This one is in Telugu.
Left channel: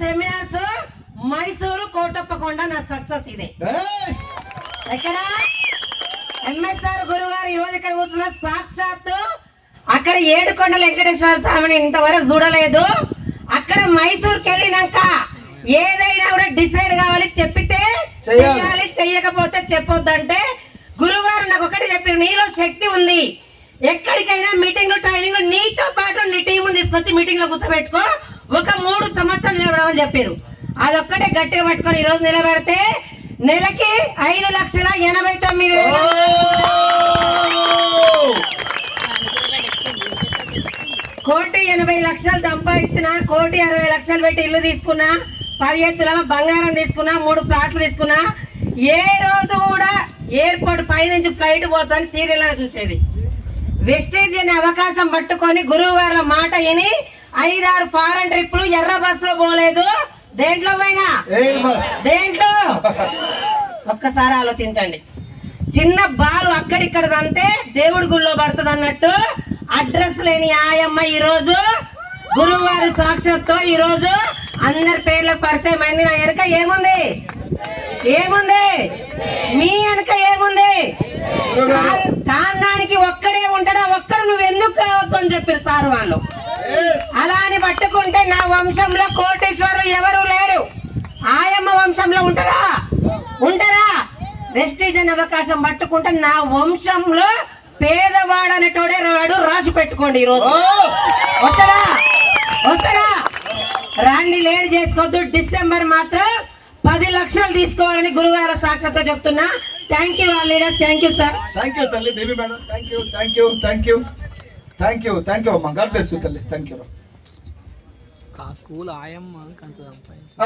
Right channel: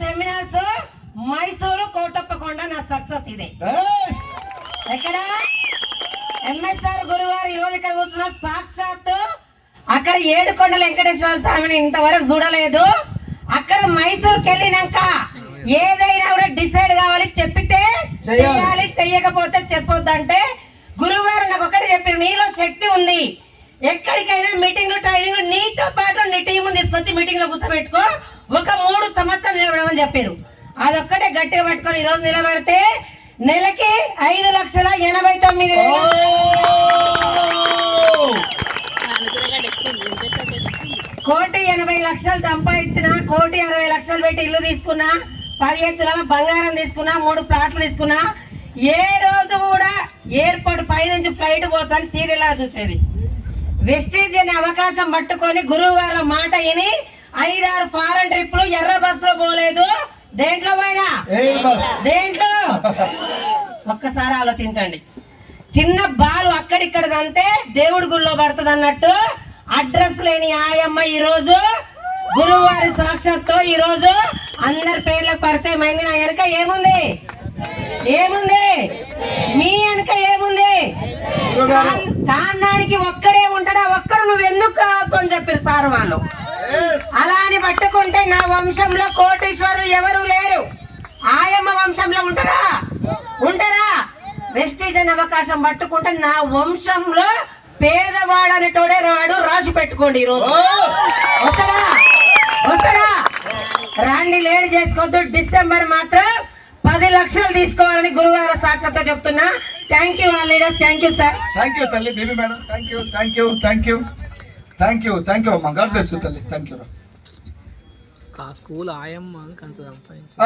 సెమినార్స్ మైసూరు కోటప్పకొండ నా సక్సెస్ ఇదే. ఎక్కడ ఎంఎస్ఆర్ గురువారు ఈ రోజు ఇక్కడ కూర్చున్న సాక్షాత్తు అక్కడ ఏడుకొండల వెంకటేశ్వర స్వామిని ఇంతవరకు చూడలేదు. అక్కడ మైసూర్కి వెళ్ళినాక ఏదైనా కూడా డిసైడ్ కావాలి, చెప్పితే చేయాలి, చెయ్యకపోతే చెప్పొద్దంటే గురువారు నాకు ఒకటి చెప్పారు, నీలో శక్తి ఉంది, ఎక్కడికైనా మీటింగ్లు ట్రైనింగ్ నీతో పాటు నీ టీం తీసుకొచ్చి మీటింగ్ లో కూర్చోబెట్టుకో, ఒక 3 సంవత్సరాలు నిలబడమని చెప్పారు. అదొక్కటే గట్టిగా పట్టుకొని ఈ రోజు నిలబడితే నెలకి 5,89,000 1,80,00,000 సంపాదించిన, 1,60,00,000 పెట్టి ఇల్లు తీసుకున్నా, 15 తులాల బంగారం తీసుకున్నా, 3 ప్లాట్లు తీసుకున్నా. ఏ రోజు కూడా ఎయిర్పోర్ట్ పైనుంచి ఫ్లైట్ పోతాను సీరియల్ చూసేది. వెస్టేజ్ అనే అవకాశం పట్టుకొని గురువు గారి మాట విని 5-6 ఫారెన్ ట్రిప్లు ఎర్ర బస్ లో పోలేదు. దేంట్లో పోయినా దేంట్లో ఒక్కసారి ఆలోచించండి. చిన్న బాలు అక్కడిక్కడ అంతే దేవుడి గుళ్ళో పడుతుంది అన్నట్టు అడ్రస్ లేని ఆయమ్మ ఈ రోజు గురువు గారి సాక్షాత్తో ఈ రోజు అందరి పేర్లకు పరిచయం అయింది. నా వెనక ఏముంది, ఏముంది, మీ వెనక ఏముంది? కారణానికి ఒక్కడే ఉంటాడా, ఒక్కడు నువ్వు ఎందుకు కావద్దు అని చెప్పారు సార్ వాళ్ళు. అలా అని పట్టుకుంటే నా వంశంలో కోటీశ్వరులు ఎవరు లేరు. ఆయమ్మ వంశంలో ఉంటారా? ఉంటారా? వెస్టీజ్ అనే అవకాశం పట్టుకుంటే నా వంశంలో పేదవాడు అనేటోడే రాడు, రాసి పెట్టుకోండి. ఈ రోజు వస్తారా? వస్తారా? రాండి, లేట్ చేసుకోవద్దు. డిసెంబర్ మాత్రం 10 లక్షలు తీసుకోవాలని గురువార సాక్షాత్గా చెప్తున్నా. Thank you all leaders. Thank you sir. Thank you తల్లి Devi madam. Thank you, thank you, thank you, thank you, thank you అమ్మా. గాడ్ బ్లెస్ యూ తల్లి. Thank you. స్కూల్ ఆయమ్మ అంత సంపాదించి